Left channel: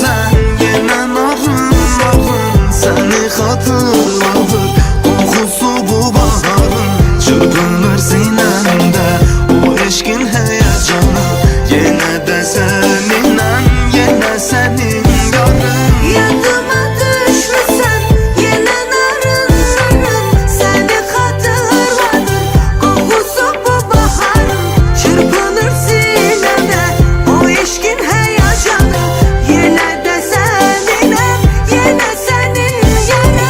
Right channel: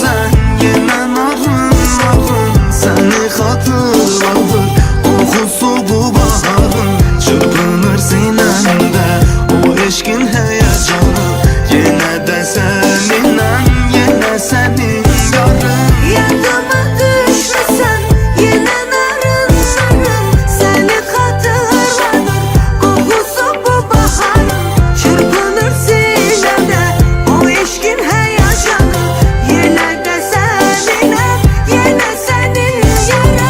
düşmüsən yenə narın səni xatırladır qoxusu bu baharın. Çırpınır sinəmdə o eşqin həyəcanı, yenə də səninəm, yenə sənin yarın. Yadıma düşmüsən yenə narın səni xatırladır qoxusu bu baharın. Çırpınır sinəmdə o eşqin həyəcanı, yenə də səninəm, yenə sənin yarın.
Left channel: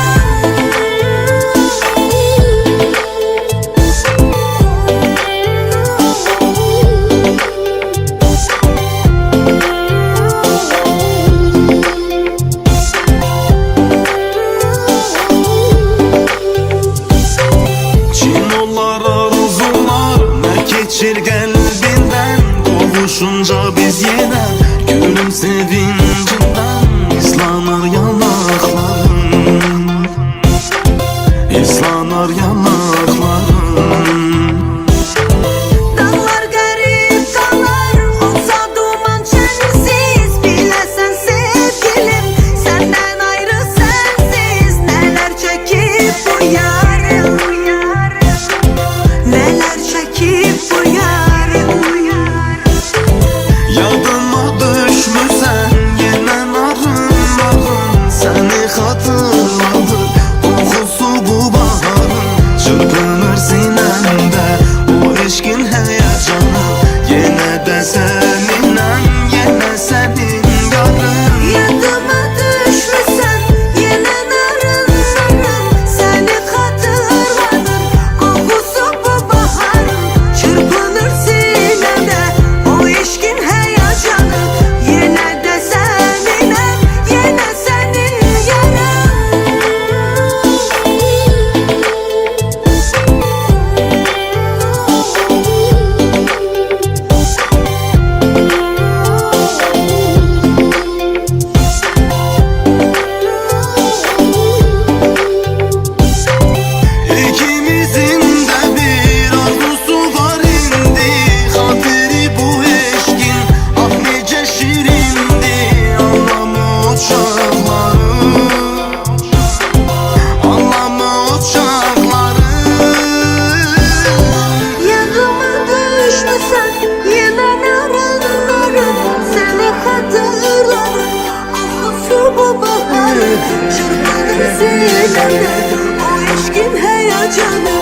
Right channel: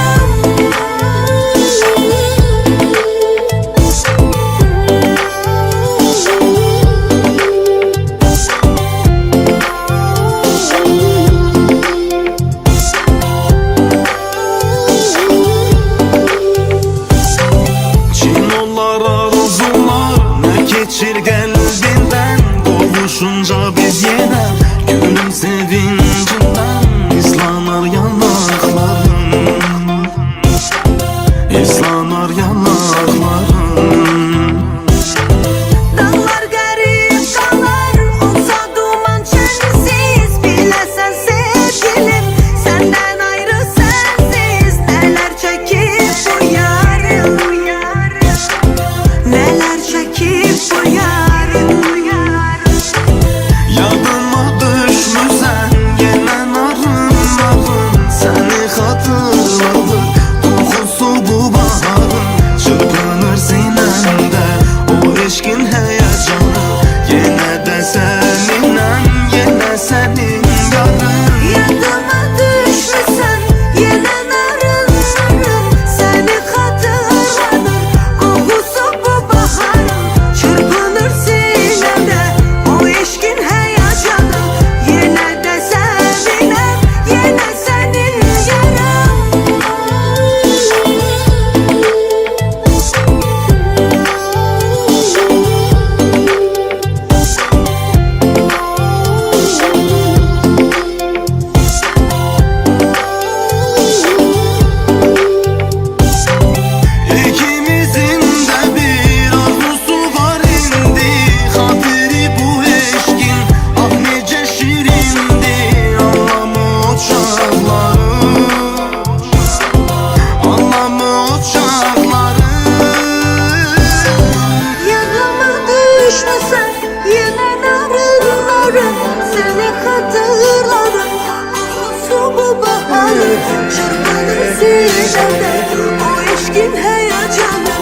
Çinollar, arzular nə keçir qəlbindən, qovuşunca biz yenə gülüm sevincindən. İslanır yanaqların, islanır yanaqların. Dağlar qərib qalar, olsa duman çənsiz, biləsən sevgilim, səndən ayrı sənsiz. Nələr çəkib bu yarım, nələr çəkib bu yarım. Yadıma düşmüsən yenə narın səni xatırladır qoxusu bu baharın. Çırpınır sinəmdə o eşqin həyəcanı, yenə də səninəm, yenə sənin yarın. Yadıma düşmüsən yenə narın səni xatırladır qoxusu bu baharın. Çırpınır sinəmdə o eşqin həyəcanı, yenə də səninəm, yenə sənin yarım. İkimizin də bir arzusu var indi, xatiri bu eşqin ah necə şirindi. Anlamı uçaqları, anlamı uçaqları. Yadıma düşmüsən yenə narın səni xatırladır qoxusu bu baharın. Çırpınır sinəmdə o eşqin həyəcanı,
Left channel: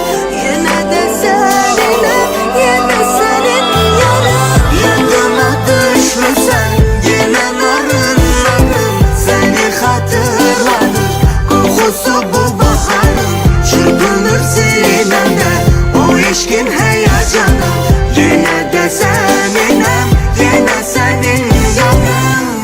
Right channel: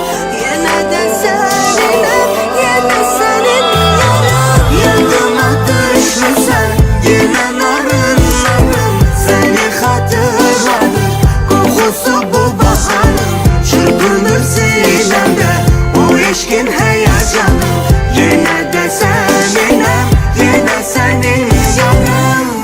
yenə də səninəm, yenə sənin yarım. Yadıma düşmüsən yenə narın səni xatırladır qoxusu bu baharın. Çırpınır sinəmdə o eşqin həyəcanı, yenə də səninəm, yenə sənin yarın.